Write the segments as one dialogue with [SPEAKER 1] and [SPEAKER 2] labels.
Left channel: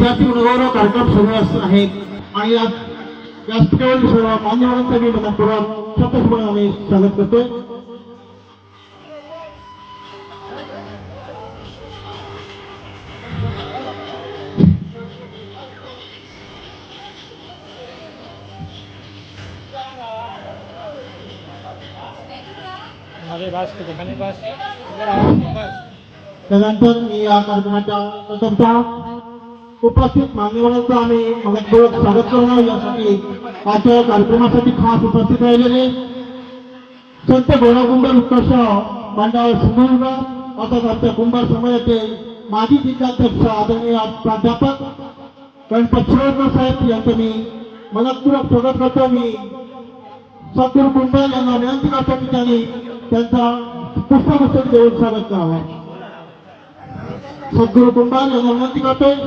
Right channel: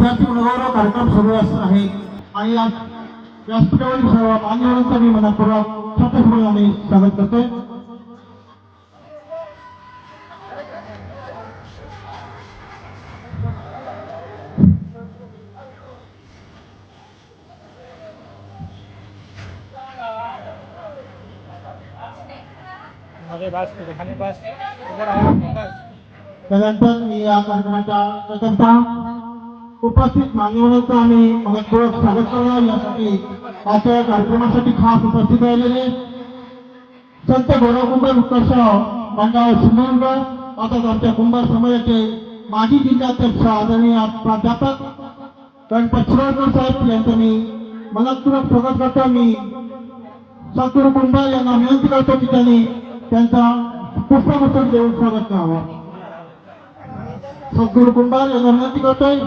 [SPEAKER 1] आता विद्यार्थी गौरव कार्यक्रम सुरू असं आहे आणि या व्यासपीठावरील सर्व मान्यवरांचं मी मनपूर्वक शब्दपूर्वक स्वागत करतोय
[SPEAKER 2] अरे बस तुझे खाली बस इधर आओ बस
[SPEAKER 1] त्यानंतर मी या कार्यक्रमाच्या प्रथमतः उपस्थित मान्यवरांचं आम्ही मनपूर्वक स्वागत करतो यासाठी आजच्या कार्यक्रमासाठी खास उपस्थित राहिलेले संत गोळाकुंभार उत्कर्ष मंडळ सिंधुदुर्ग तसंच आमच्या कुंभार समाजाचे माजी जिल्हाध्यक्ष आदरणीय प्राध्यापक गणपत शिरोडकर साहेब यांचं मी मनपूर्वक स्वागत करतो. मी सद्गुरू कुंभार यांना विनंती करतो की त्यांनी त्यांचा पुष्पगुच्छ देऊन स्वागत करावं. सद्गुरू कुंभार यांना विनंती करतोय.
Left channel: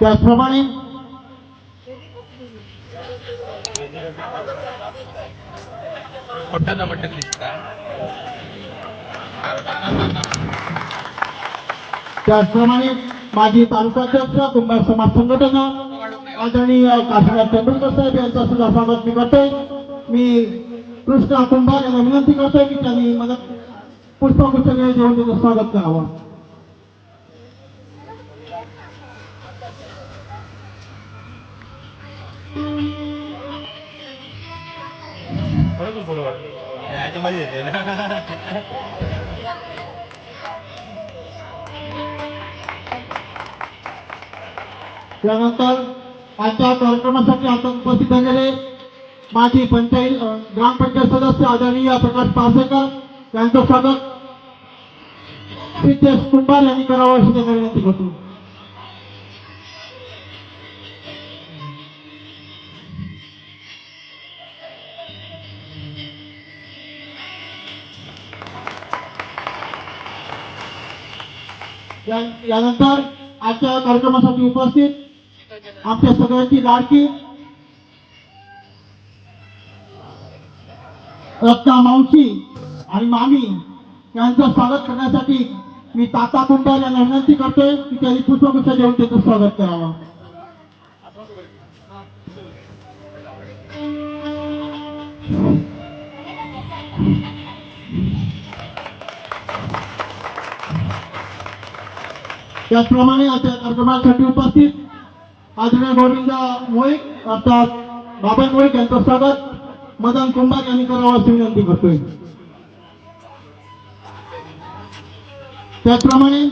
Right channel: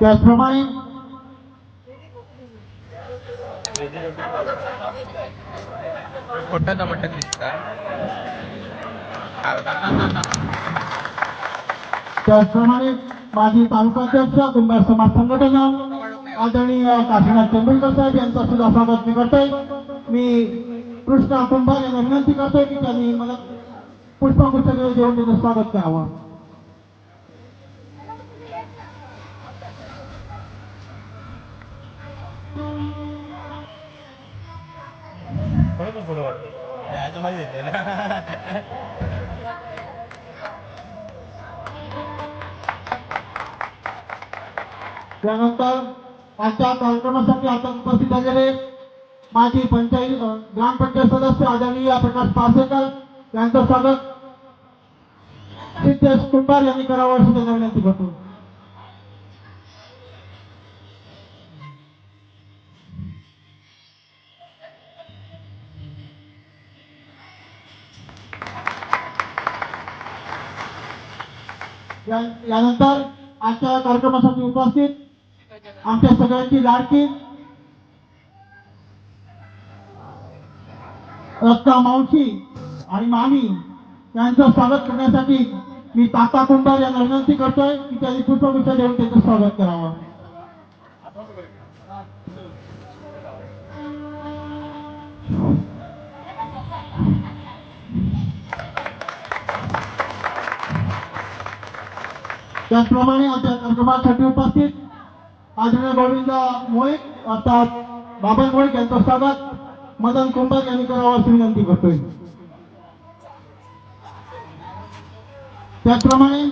[SPEAKER 1] त्याचप्रमाणे
[SPEAKER 2] मोठं ना मोठं दिसतं
[SPEAKER 1] त्याचप्रमाणे माजी तालुकाध्यक्ष कुंभार समाज संघटना आदरणीय काशीनाथ तेंडुलकर साहेब यांचा सुद्धा स्वागत मी करतोय. मी कृष्णा कुंभार यांना विनंती करतोय की त्यांनी मला पुष्पगुच्छ देऊन त्यांचं स्वागत करावं. त्यानंतर आजच्या कार्यक्रमासाठी आता उपस्थित झालेले माजी पंचायत ग्रामपंचायत सदस्य आदरणीय प्रकाश पारसेकर यांचं स्वागत. सिद्धेश कुंभार यांनी करावं अशी त्यांना विनंती करतो. यानंतर आजच्या कार्यक्रमासाठी उपस्थित आमच्या सगळ्यांची लाडकी. रक्ता मावशी आणि मामी यांचं स्वागत करण्यासाठी मी ताता कुंभार यांना विनंती करतोय की त्यांनी पुष्पगुच्छ देऊन त्याचं स्वागत करावं. त्याचप्रमाणे आमच्या कार्यक्रमासाठी उपस्थित आदरणीय बाबींचा मोईक अर्थात बाबा मोईक यांचं स्वागत. मदन कुंभार यांनी करावं अशी विनंती करतोय. त्याचप्रमाणे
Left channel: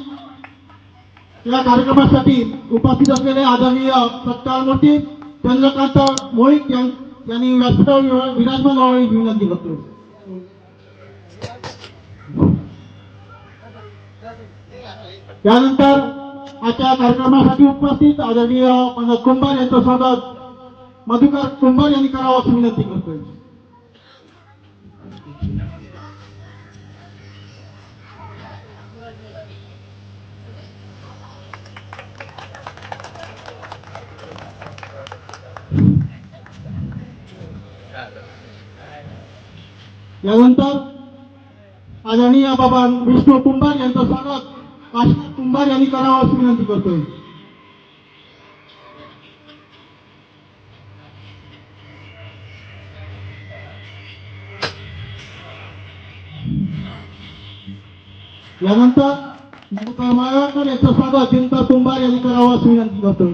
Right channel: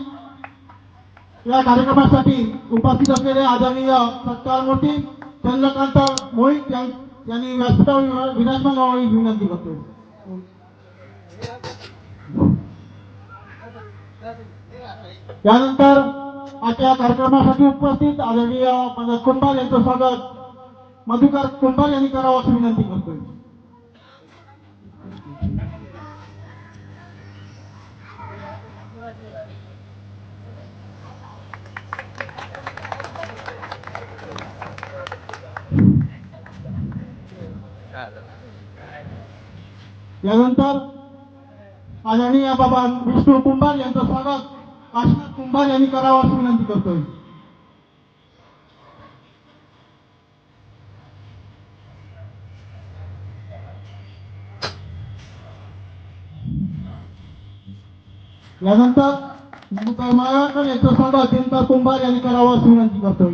[SPEAKER 1] या कार्यक्रमासाठी उपस्थित असलेले आदरणीय सत्कार मूर्ती चंद्रकांत मोईक यांनी व्यासपीठावर विराजमान व्हावी विनंती करतोय. त्यानंतर आजच्या कार्यक्रमासाठी उपस्थित आदरणीय पंडित कुंभार यांचं स्वागत मधुकर कुंभार यांनी करावं अशी विनंती करतोय यानंतर आदरणीय बाबा विष्णू कुंभार यांचं स्वागत काशीनाथ तुम्हाला यांनी करावं अशी विनंती करतोय. यानंतर मधुकर मायवाकर यांचं स्वागत दिनकर कुंभार यांनी करावं अशी विनंती करतोय.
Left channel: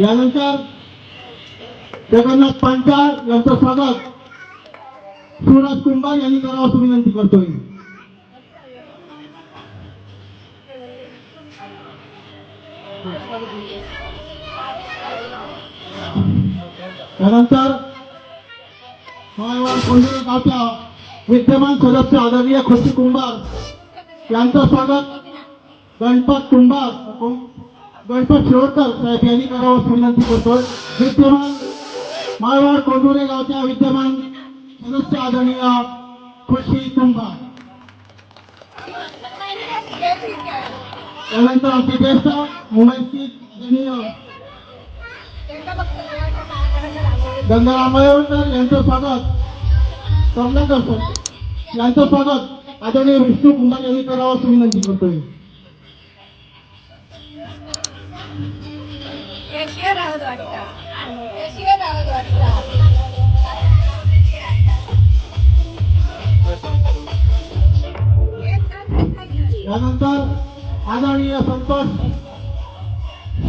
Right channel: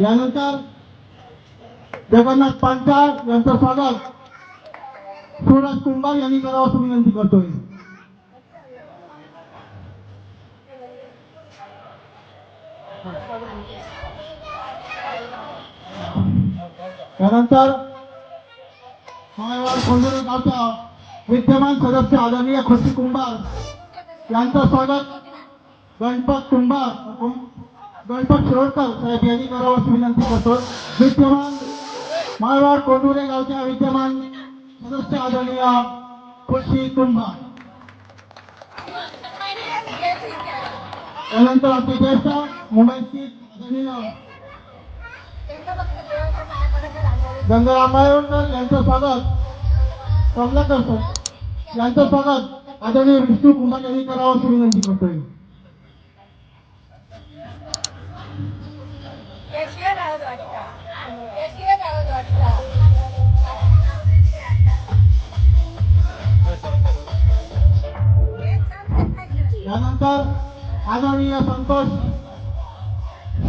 [SPEAKER 1] यानंतर जगन्नाथ पांचाळ यांचं स्वागत सुरज कुंभार यांनी करावं अशी विनंती करतोय. त्यानंतर मायवाड गावच्या विद्यमान सदस्य आदरणीय खुशी कुंभार यांचं स्वागत. गणपत कुंभार गणपत शिरोडकर साहेब यांनी करावं अशी विनंती करतो. विद्यमान माळवाड कोंडुरे गावच्या विद्यमान सदस्य आदरणीय खुशी कुंभार त्यानंतर आपली ज्येष्ठ मुंबईची आदरणीय गंगाराम मायवणकर यांचं स्वागत. कमलाकर सर यांचं स्वागत आदरणीय विष्णू कुंभार यांनी करावं अशी विनंती करतोय.
[SPEAKER 3] राहत वाटतं कशी राहत वाटतं
[SPEAKER 1] त्यानंतर आदरणीय संतोष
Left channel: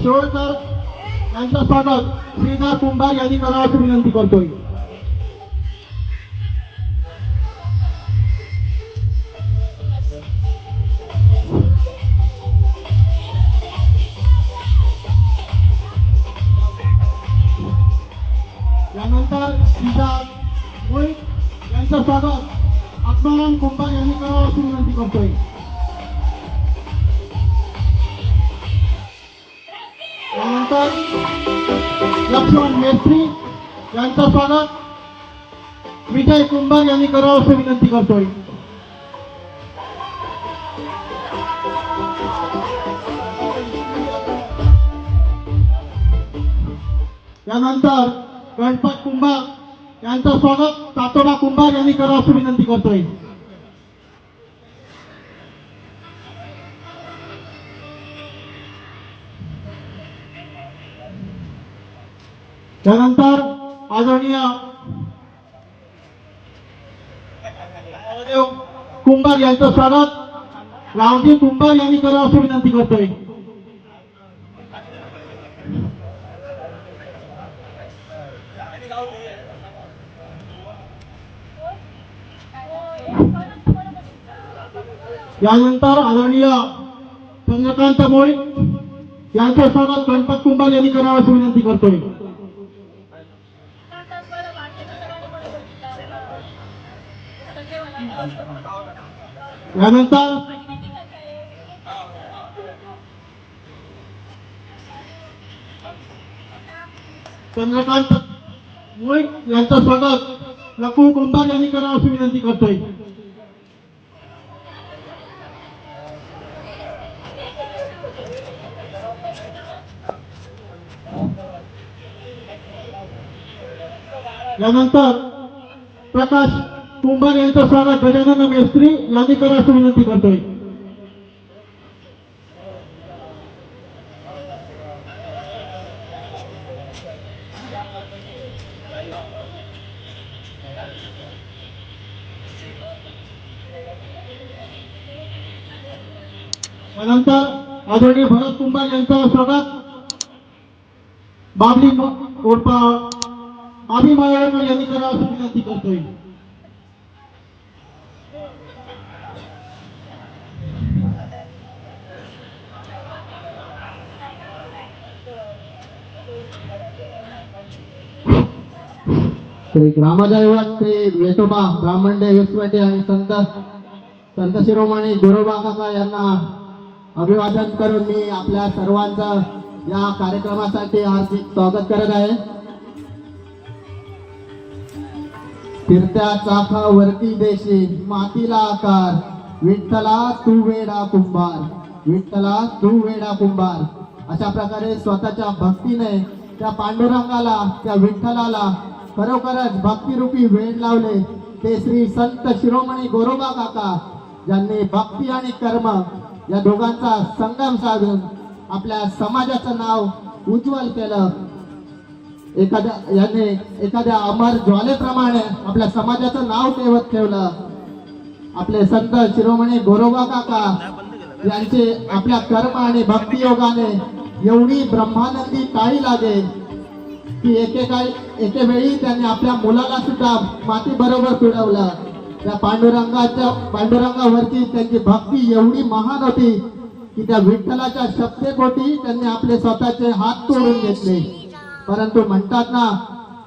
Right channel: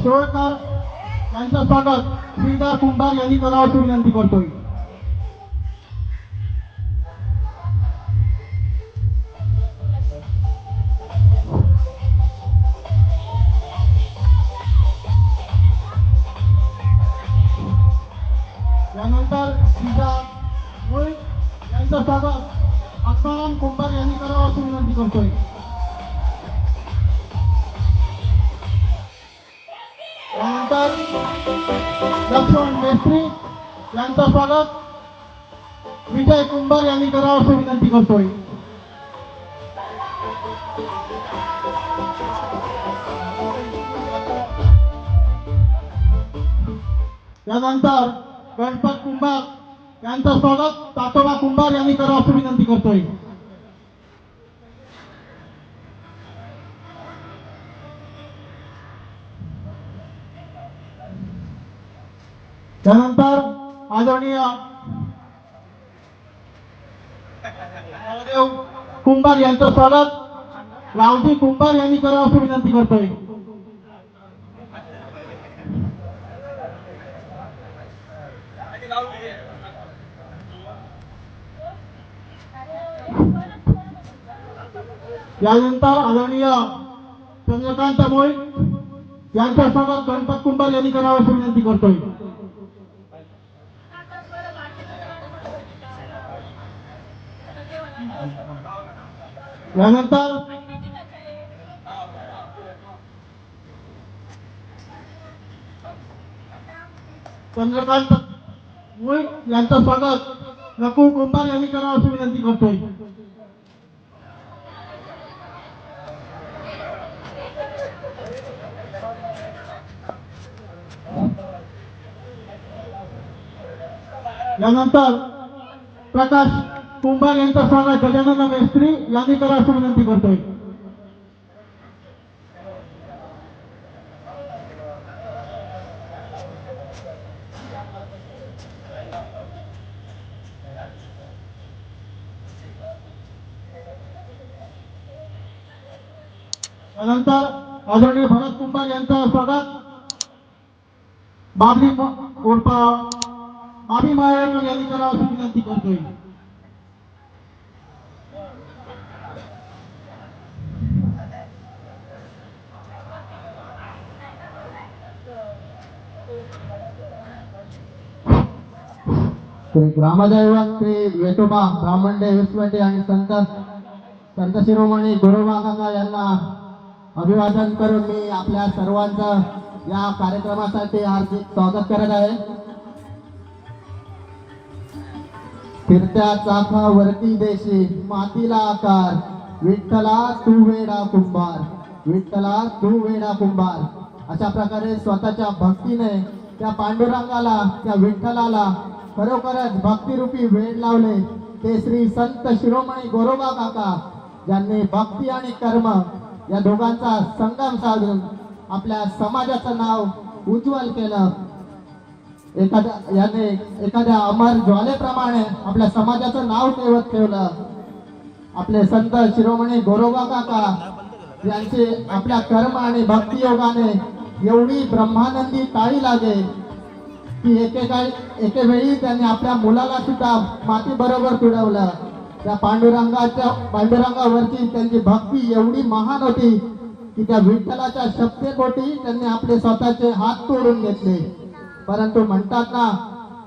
[SPEAKER 1] सोळकर यांचं स्वागत. श्रीदास कुंभार यांनी करावं विनंती करतोय. तातोबा कुंभार यांनी करावं अशी विनंती करतोय. त्यानंतर आदरणीय कुंभार यांचं स्वागत. रावजी कुंभार यांनी करा अशी विनंती करतोय. यानंतर आदरणीय चंद्रकांत मोळी यांच्या स्वागत गणपत कुंभार यांनी करावं अशी विनंती करतोय. यानंतर चंद्रकांत मुळे यांचं स्वागत नकुल कुंभार यांनी करावं अशी विनंती करतोय. यानंतर प्रकाश कुंभार यांचा स्वागत. गजानन मेस्त्री यांनी करावं अशी विनंती करतोय. त्यानंतर आदरणीय भरत कुंभार यांचा स्वागत. बाबली उर्फा आम्ही मायेकर यांनी करावं अशी विनंती करतोय.
[SPEAKER 4] श्री ग्रामदैवत श्री वेटोबा ब्राह्मणडे आणि संत संत शिरोमणी गोरोबा काका यांना अभिवादन करून मी आपल्या सर्वांचं या कार्यक्रमासाठी हार्दिक स्वागत करत आहे. फिरत्या चाकावरती देशी मातीला आकार. विठ्ठला तू वेडा कुंभार. विठ्ठला तू वेडा कुंभार. अशा प्रकारे स्वतःच्या भक्तीने त्या पांडुरंगाला त्या विठ्ठलाला खरोखरच भक्तिरूपी वेण लावले. ते श्री संत शिरोमणी गोरोबा काका ज्यांनी भक्ती आणि कर्म या दोघांचा संगम साधून आपल्या समाजाचं नाव उज्ज्वल केलं. एखाद्या याने एखाद्या अमर ज्वालेप्रमाणे आपल्या समाजाचं नाव ठेवत ठेवलं. आपले संत शिरोमणी गोरोबा काका यांचे आपल्या कर्म आणि भक्तियोगाने एवढी ब्रह्मानंदी ताळी लागेल की एकेकाळी एकेवेळी त्यांनी आपल्या मुलाला सुद्धा माती बरोबर पिळवलं. त्या पांडुरंगाच्या पांडुरंगावरती त्यांची भक्ती एवढी महान होती की त्या विठ्ठलाच्या शक्तेपोटी त्यांनी आपले स्वतःचे हात तोडून घेतले. परंतु म्हणतात ना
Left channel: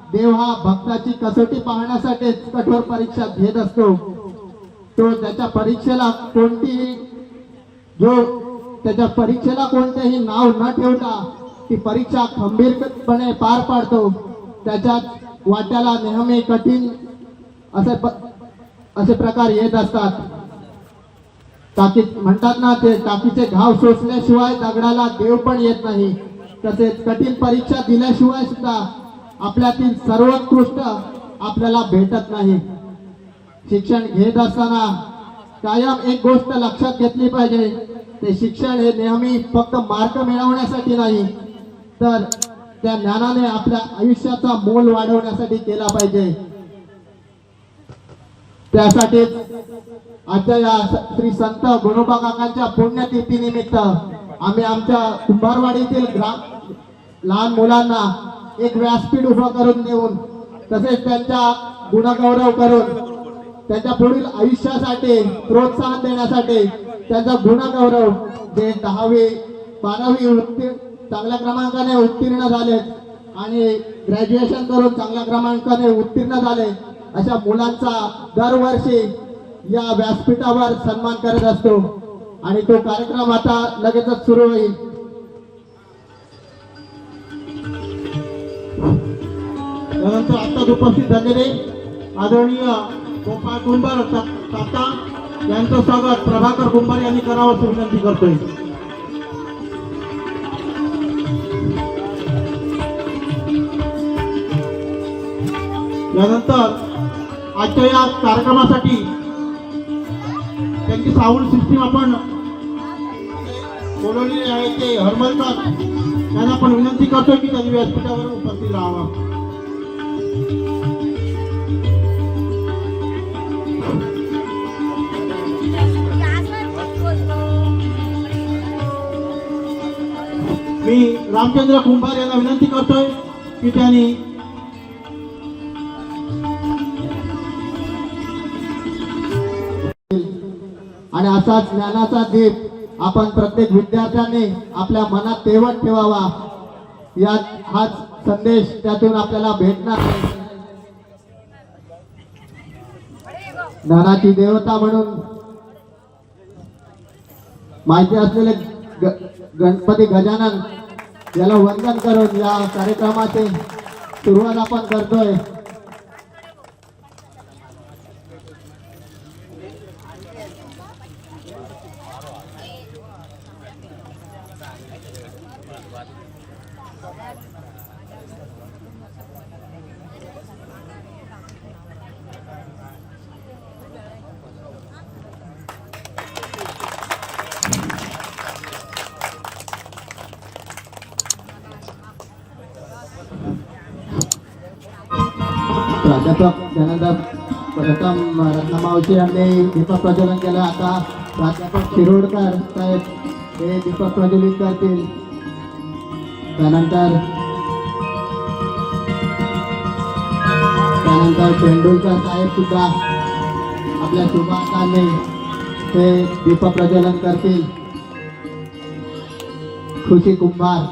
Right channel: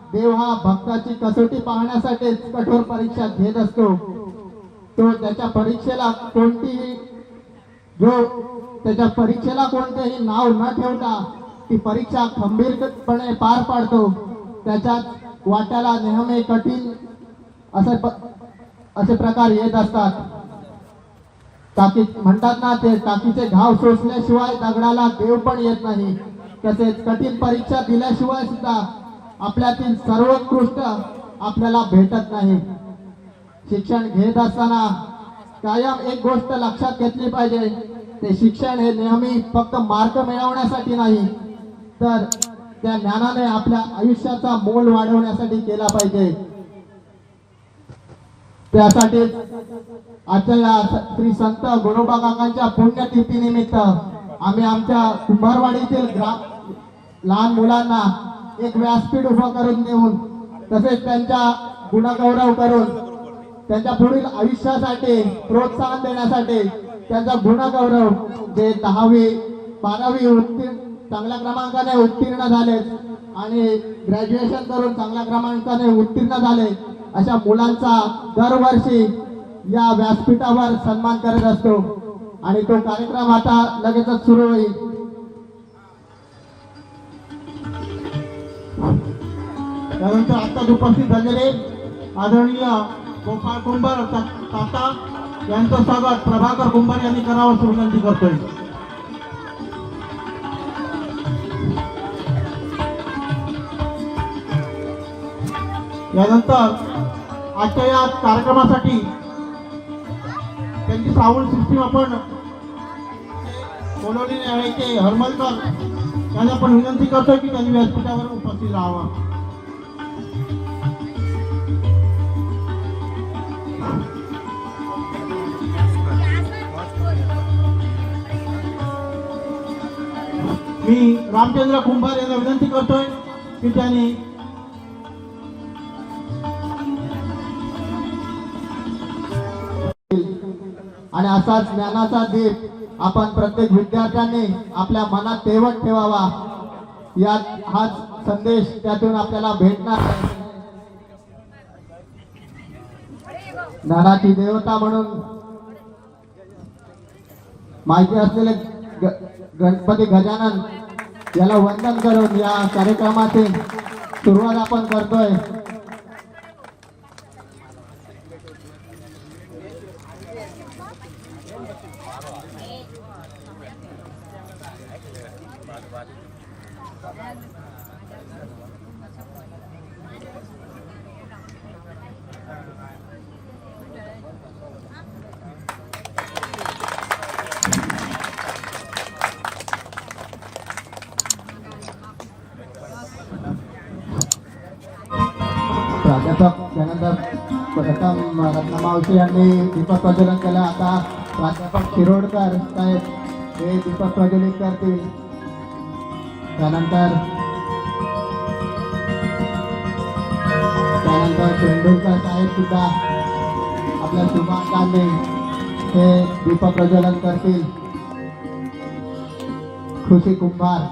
[SPEAKER 4] देव हा भक्ताची कसोटी पाहण्यासाठी कठोर परीक्षा घेत असतो. तो त्याच्या परीक्षेला कोणतीही जो त्याच्या परीक्षेला कोणतेही नाव न ठेवता ती परीक्षा खंबीरपणे पार पाडतो. त्याच्यात वाट्याला नेहमी कठीण असे प- असे प्रकार येत असतात. टाकी म्हणतात ना ते टाकीचे घाव सोसल्याशिवाय दगडाला देव पण येत नाही. तसेच कठीण परीक्षा दिल्याशिवाय सुद्धा आपल्यातील सर्वोत्कृष्ट आपल्याला भेटत नाही. शिक्षण घेत असताना कायम एक गोष्ट लक्षात घेतली पाहिजे ते शिक्षण हे नेहमी फक्त मार्क मिळवण्यासाठी नाही तर त्या ज्ञानाने आपल्या आयुष्याचा मोल वाढवण्यासाठी केला पाहिजे. त्यासाठी आजच्या या श्री संत गुणोबा काकांच्या पुण्यतिथीनिमित्त आम्ही आमच्या कुंभारवाडीतील ग्राम लहान मुलांना एक व्यासपीठ उभं करून देऊन तसेच त्यांच्या गुणगौरव करून त्यांच्या पुढील आयुष्यासाठी प्रोत्साहन देण्यासाठी त्यांचा गुणगौरव जे दहावी बारावी उत्तीर्ण चांगल्या क्रमांकाने उत्तीर्ण झाले आणि ग्रॅज्युएशन करून चांगल्या क्रमांकाने उत्तीर्ण झाले अशा मुलांचा दरवर्षी या व्यासपीठावर सन्मान करत असतो. आणि तो कार्यक्रम आता लगेचच सुरू होईल.
[SPEAKER 1] त्यानंतर आत्ताच उपस्थित झालेले आदरणीय गोपाळ कुंभार ता- ताता यांचं स्वागत. प्रभाकर कुंभार यांनी करावं असं विनंती करतोय. यानंतर आजच्या या कार्यक्रमासाठी त्यांची साऊंड सिस्टीम आपण बोलवलेली आहे ते हरमलकर यांना आपण विनंती करतोय की त्यांनी व्यासपीठावर उपस्थित राहावं. मी रामचंद्र कुंभार यांना विनंती करतोय की त्यांनी
[SPEAKER 4] आणि असाच ज्ञानाचा दीप आपण प्रत्येक विद्यार्थ्यांनी आपल्या मनात तेवट ठेवावा. या हाच संदेश त्यातून आपल्याला भेटणार ज्ञानाची देवता म्हणून माहिती असलेले गणपती गजानन याला वंदन करून या कार्यक्रमाची सुरुवात आपण करतोय. प्राध्यापक त्यानंतर प्रथम रत्नमावशी यांनी दीपक प्रज्वलन केलं. आता प्राध्यापक शिरोडकर साहेब हे दीपक प्रज्वलित करतील. त्यानंतर त्यानंतर तेंडुलकर साहेब सुद्धा आपल्या शुभाकांनी ते दीपक प्रज्वलन करतील. खुशी कुंभार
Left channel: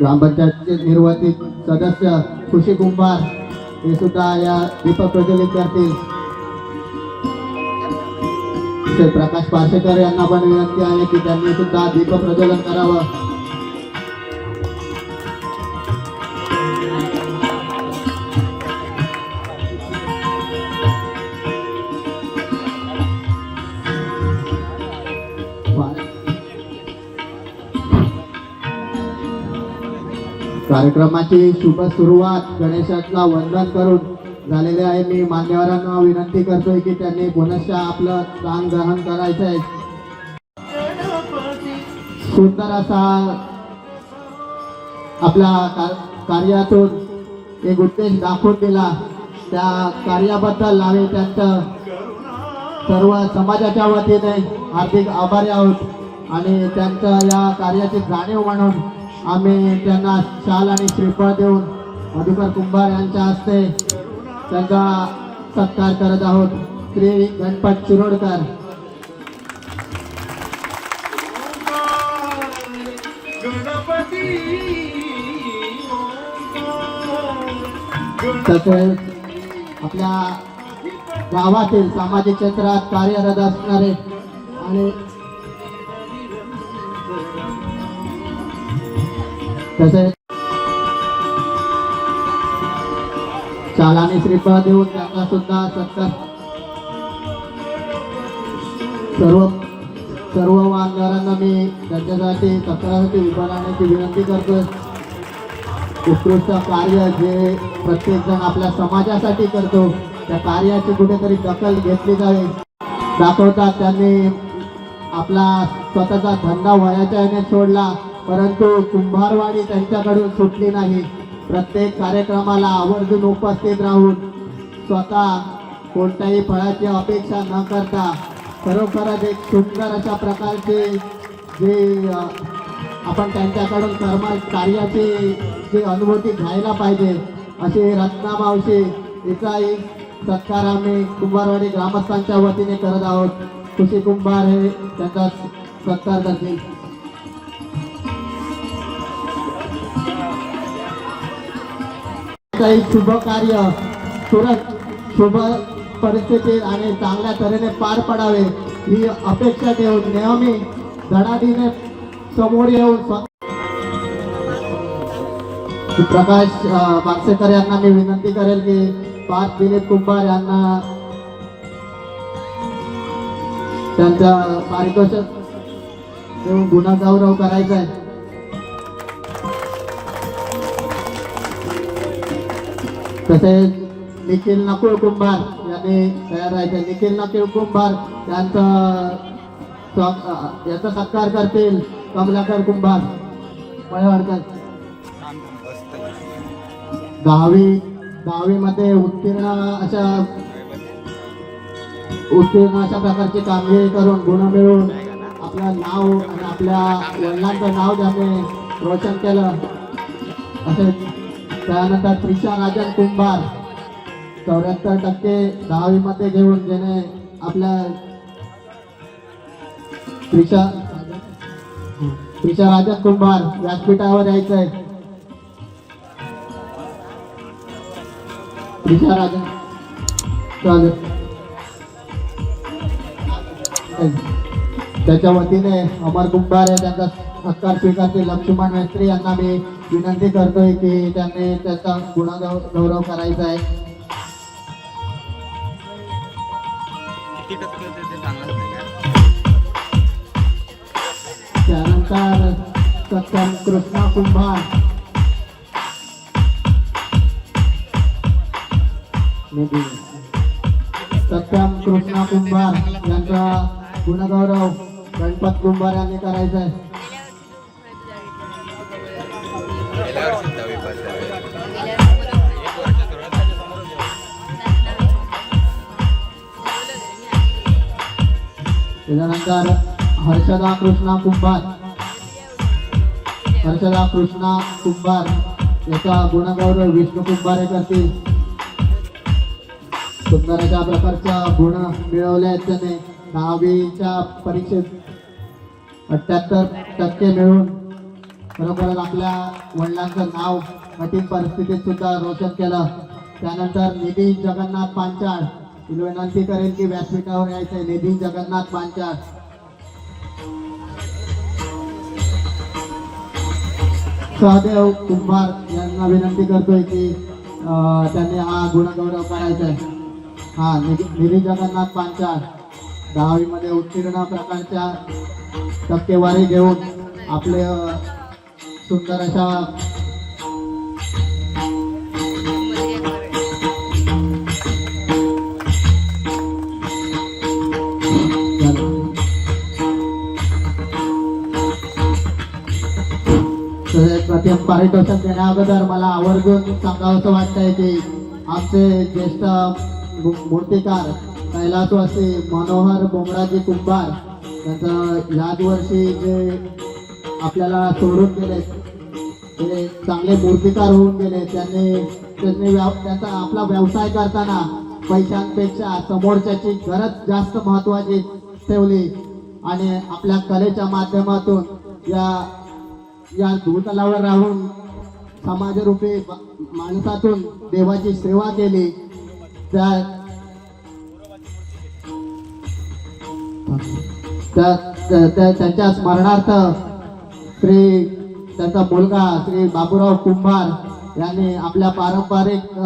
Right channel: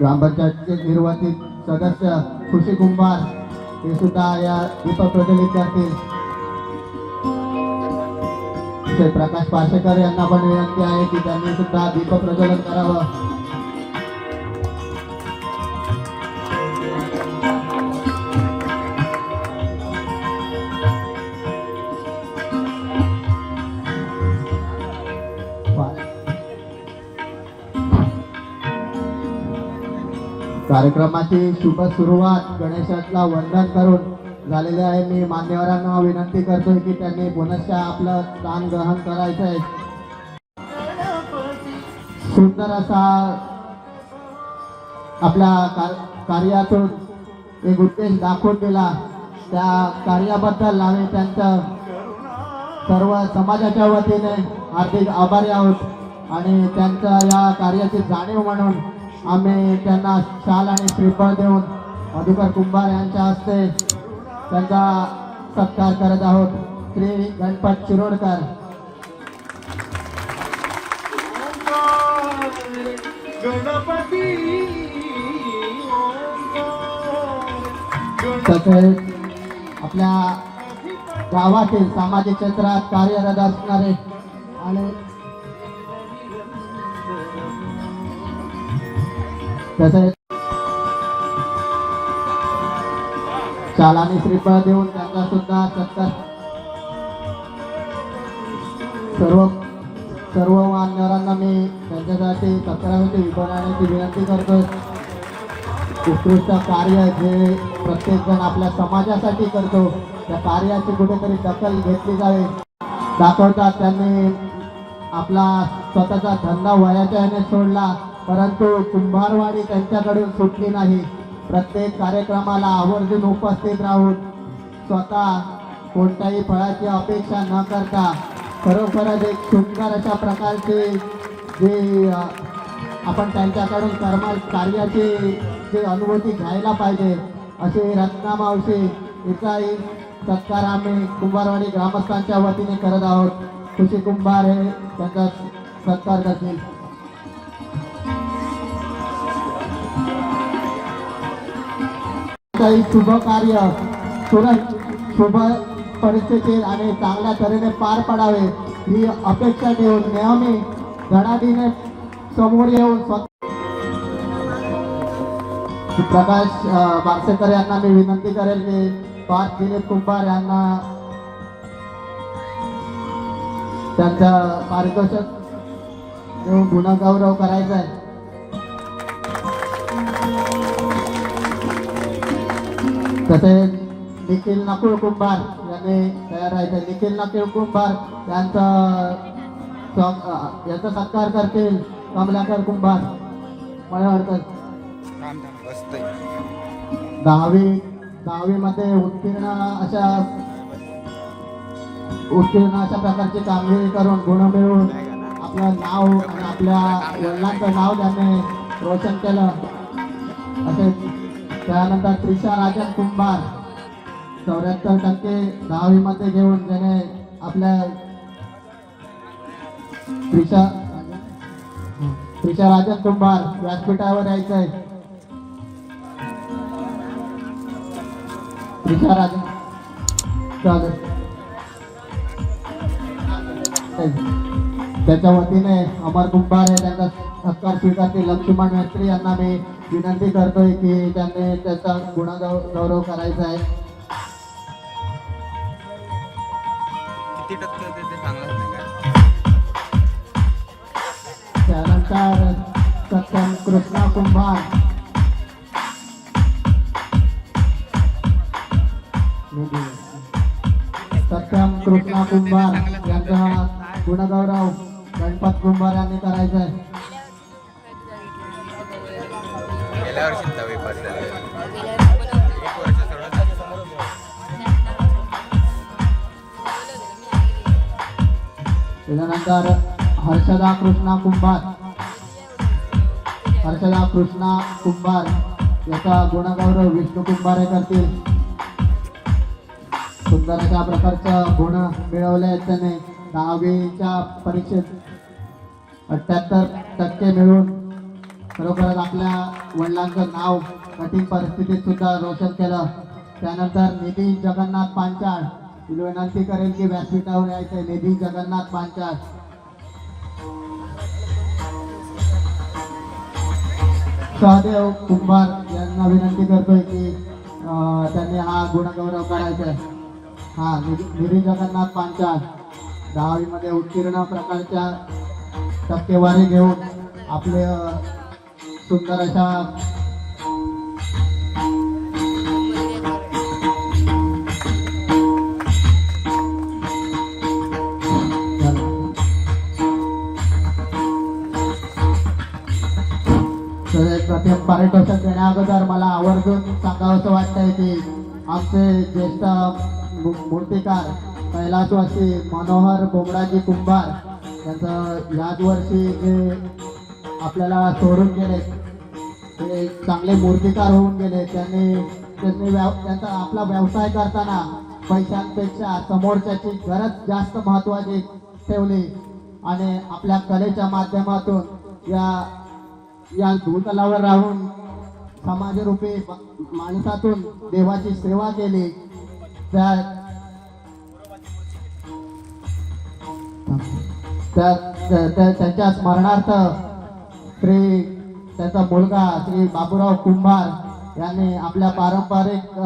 [SPEAKER 4] ग्रामपंचायतचे निर्वाचित सदस्य. खुशी कुंभार हे सुद्धा या दीपक प्रज्वलित करतील. प्रकाश पार्शेकर यांना पण विनंती आहे की त्यांनी सुद्धा दीपक प्रज्वलन करावं. कार्यक्रमाची शुभ सुरुवात गणेशाला वंदन करून झालेले आहे. मी मान्यवरांना विनंती करतोय की त्यांनी पुनश्च आपलं स्थान ग्रहण करायचं आहे सुंदर असा आपल्या का- कार्यातून एक उद्देश दाखवून दिला. त्या कार्याबद्दल आम्ही त्यांचं सर्व समाजाच्या वतीने हार्दिक आभारी आहोत. आणि त्यांच्या या कार्याची जाणीव म्हणून आम्ही त्यांना शाल आणि श्रीफळ देऊन मधुकर कुंभार यांच्या हस्ते त्यांचा सत्कार करत आहोत. श्री गणपत चिरोडकर. तसेच आपल्या गावातील सामाजिक क्षेत्रात कार्यरत असणारे आणि तसेच चालाने श्रीफळ देऊन त्यांना सुद्धा सत्कार सर्व सर्व मान्यवरांना मी त्यांच्यासाठी सत्कारासाठी उभं राहण्याची विनंती करतो. उत्कृष्ट कार्य जे प्रत्येक जण आपल्या समाजासाठी करतो त्या कार्याची कुठेतरी दखल घेतली जावे. दाखवतात त्यांनी आपला स्वतःचा धंदा वयाच्या याने सोडला. परंतु कुंभारवाडी त्यांच्याकडून सुटली नाही. प्रत्येक कार्यक्रमाला आवर्जून उपस्थित राहून स्वतः कोणत्याही फळाची अपेक्षा न करता खरोखरच एक सुंदर अशा प्रकारचे जे आपण त्यांच्याकडून कर्म कार्याची जे अनुभूती घ्यायला पाहिजे असे रत्ना मावशी याचाही सत्कार आम्ही कुंभारवाडी ग्रामस्थांच्या वतीने करत आहोत. खुशी कुंभार हे त्यांचा सत्कार करतील. काही शुभ कार्य तुरंत शुभ परिस्थितीत आणि चांगल्या तऱ्हेने पार पडावे ही अपेक्षा ठेवून नेहमी धडाडीने समोर येऊन प्रकाश बारसेकर यांना मी विनंती करेल की पाच दिलीप कुंभार यांना त्यांचा पारितोषिक गुणगौरव करायचा आहे. तसेच निखिल नकुळ कुंभार यांनी तयार व्हायचं निखिल नकुळ कुंभार यांचा याचा सत्कार करतील कमलाकर कुंभार. मळवाडकर दहावी दहावी मध्ये उत्तीर्ण अशा उत्तीर्ण अशा प्रकारची कामगिरी करून गुण मिळवून आपलं नाव आणि आपल्या वडिलांचं नाव ज्याने रोशन केलं. असे त्यानंतर त्रिशा राजन कुंभार चौऱ्याहत्तर टक्के दहावीमध्ये घेऊन जेणे आपल्या त्रिशा त्रिशा राजन कुंभार व्यासपीठावर यायचं आहे त्रिशा राजन. स्वागत त्याच्या वतीने अमर कुंभार हे त्यांचा सत्कार स्वीकारतील लक्ष्मण मैत्री यांना मी विनंती करतोय की त्यांनी त्याचा गुणागौ गौरव करायचा आहे? त्यानंतर सत्यम कृष्णा कुंभार. त्याच्यानंतर हर्षदा कृष्णा कुंभार. हर्षदा कृष्णा कुंभार याचा गुणगौरव विष्णू कुंभारे करतील. सुंदर अशा प्रकारच्या गुण मिळवले आहेत त्याने. दहावीच्या परीक्षेत अठ्याहत्तर टक्के मिळून खरोखरच आपल्या वडिलांचं नाव कठीण परिस्थितीत सुद्धा रोशन केलं. त्यानंतर निधी जगन्नाथ पांचाळ विनंती करेन की व्यासपीठावर यायचंय. निधी जगन्नाथ पांचाळ. सहदेव कुंभार यांना विनंती करतोय की त्यांनी हा गुणगौरव करायचा आहे हा निधी जगन्नाथ पांचाळ. दहावीमध्ये उत्तीर्ण प्रकारच्या टक्केवारी घेऊन आपले सुंदर अशा प्रत्येक पारितोषिक देण्या अगोदर मला आवर्जून सांगावंसं वाटतंय की आमचे ज्येष्ठ मू- मूर्तिकार कैलासवासी मनोहर बोमराजी कुंभार यांचं याच वर्षी जे आपल्याला सोडून गेले ते चांगले मूर्तिकार होऊन गेले त्यांनी त्यांनी व्या त्यांचा आपला व्यवसाय करताना पैशांपेक्षा समोरच्याची गरज जास्त महत्वाची ठेवली. आणि आपल्या कलेच्या माध्यमातून या या भूतलावर राहून समाजरूपी माणसातून देवाची सेवा केली. त्या त्या- त्या- त्यांच्या स्मरणार्थ श्री त्यांचा मुलगा श्री बाबूराव कुंभार यांनी आपल्या पारंपरिक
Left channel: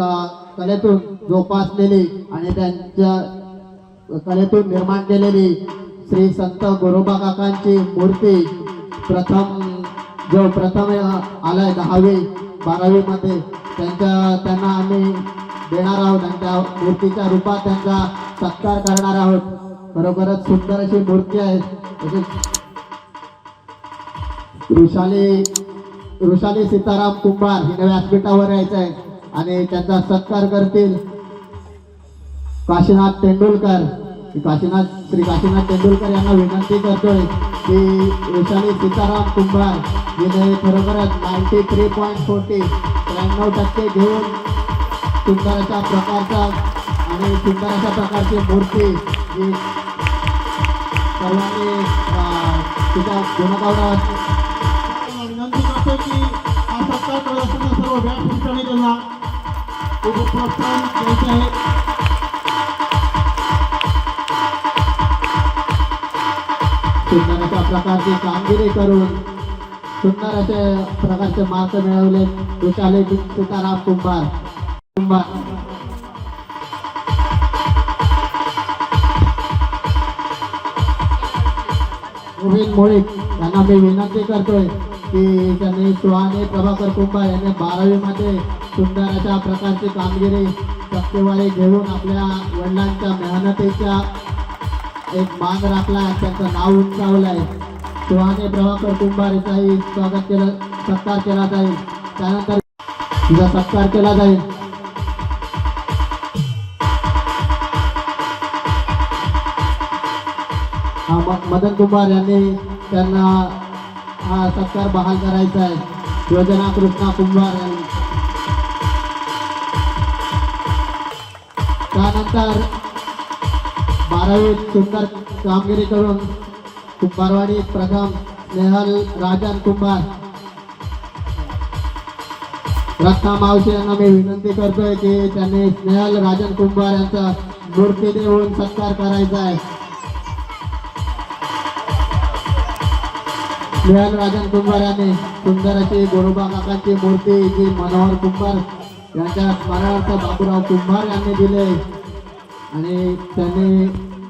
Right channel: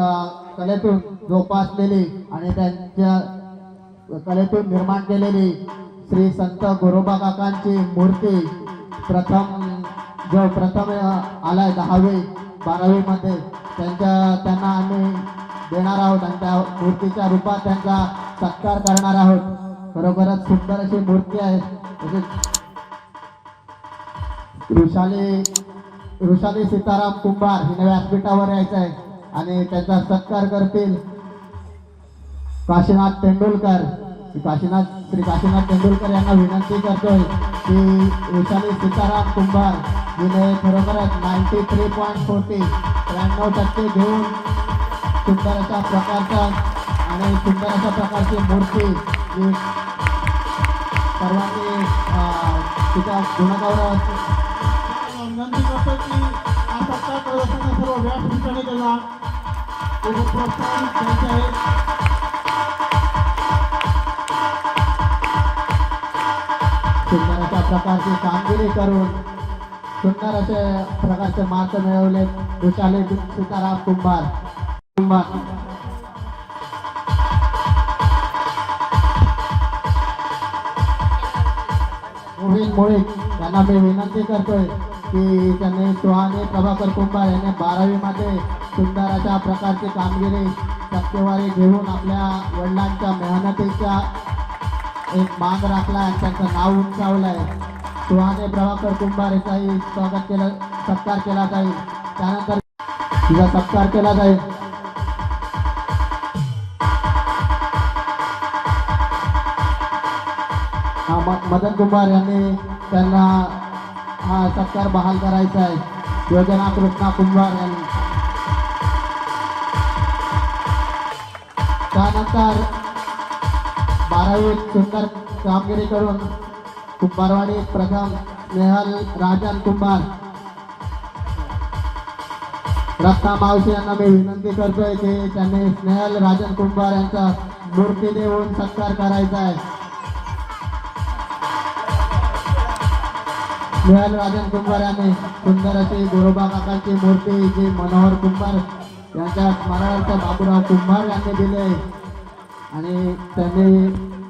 [SPEAKER 4] कलेतून जोपासलेली आणि त्यांच्या कलेतून निर्माण केलेली श्री संत गोरोबा काकांची मूर्ती प्रथम जो प्रथम आलाय दहावी बारावी मध्ये त्यांच्या त्यांना आम्ही देणार आहोत आणि त्या मूर्तीच्या रूपात त्यांचा सत्कार करणार आहोत. बरोबरच सुंदर अशी मूर्ती आहे. तसेच वृषाली वृषाली सीताराम कुंभार हिने व्यासपीठावर यायचं आहे आणि त्यांचा सत्कार करतील काशीनाथ तेंडुलकर. काशीनाथ श्री काशीनाथ तेंडुलकर यांना विनंती करतोय. की वैशाली सीताराम कुंभार हिने खरोखरच नाईन्टी थ्री पॉईंट फोर्टी त्र्याण्णव टक्के घेऊन सुंदर अशा प्रकारचा आणि सुंदर अशा प्रकारची मूर्ती जी सर्वांनी अं, तिचा गुणगौरव
[SPEAKER 1] विनंती करतो की हा सत्कार करत असताना सर्व व्यासपीठाने त्यांना प्रोत्साहन द्यायचे आहे
[SPEAKER 4] प्रकारची कामगिरी करून सुंदर असे प्रकारचे मार्क मिळवले. विशाले तुकाराम कुंभार. कुंभार. मोहित मुळीक यांना मी विनंती करतोय की त्यांनी सुहानी प्रभाकर कुंभार यांनी बारावीमध्ये सुंदर अशा प्रकारची कामगिरी टक्केवारी घेऊन आपल्या वडिलांच्या मेहनतीच्या एक मान राखला त्यांचं नाव उंचावलंय. सुहाने प्रभाकर कुंभार याचाही स्वागत केलं सत्कार केला जाईल. त्यानंतर तिचा सत्कार केला जाईल. मदन कुमार यांनी त्यांना हा सत्कार बहाल करायचा आहे. योजना कृष्णा कुंभार यांनी. त्यानंतर बारावीत सुंदर कामगिरी करून कुंभारवाडी प्रथम नेहल राजन कुंभार. रत्ना मावशी यांना मी विनंती करतोय की त्यांनी स्नेहल राजन कुंभार यांचा मूर्ती देऊन सत्कार करायचा आहे. स्नेहल राजन कुंभार यांनी सुंदर अशी गोरोबा काकांची मूर्ती जी मनोहर कुंभार यांच्या स्मरणार्थ बाबूराव कुंभार यांनी दिले आणि त्यांनी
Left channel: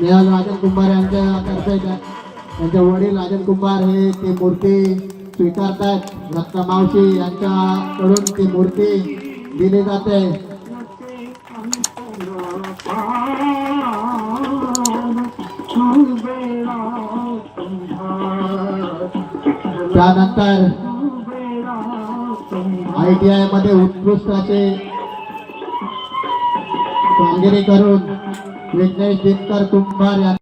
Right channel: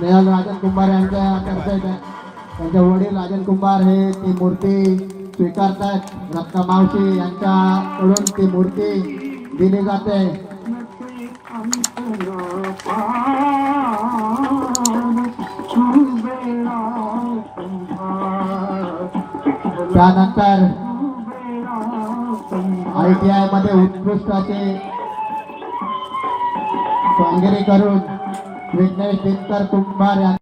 [SPEAKER 4] स्नेहल राजन कुंभार यांच्या तर्फे त्यांचे वडील राजन कुंभार हे ती मूर्ती स्वीकारतात रत्ना मावशी यांच्याकडून ती मूर्ती दिली जाते. त्यानंतर आय टी आयमध्ये उत्कृष्ट असे कामगिरी करून विघ्नेश दिनकर कुंभार यांना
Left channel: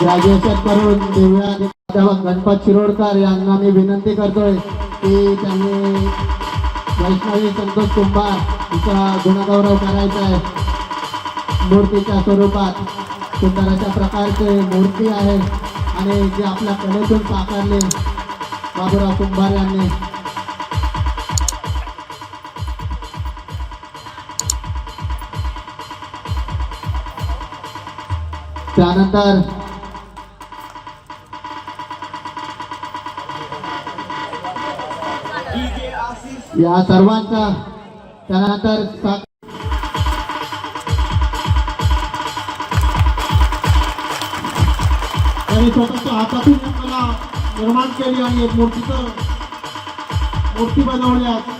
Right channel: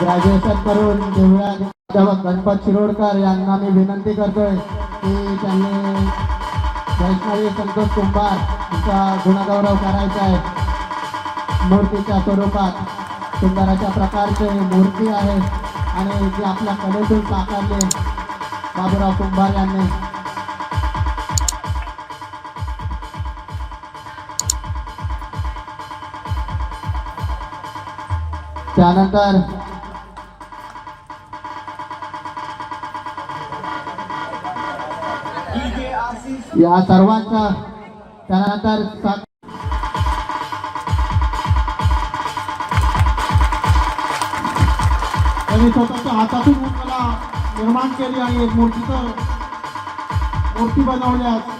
[SPEAKER 4] ग्रॅज्युएशन करून दिव्या प्राध्यापक गणपत शिरोडकर यांना मी विनंती करतोय की त्यांनी वैष्णवी संतोष कुंभार तिचा गुणगौरव करायचा आहे. मूर्तीच्या स्वरूपात सुंदर अशा प्रकारचे मूर्ती आहे आणि जे आपल्या कलेतून साकारले बाबूराव कुंभार यांनी त्यानंतर या सर्वांचा त्यानंतर
[SPEAKER 1] त्यांनी स्वतःच्या हातातून मला निर्माण केली आणि मूर्तीचं मूर्ती बनवल्या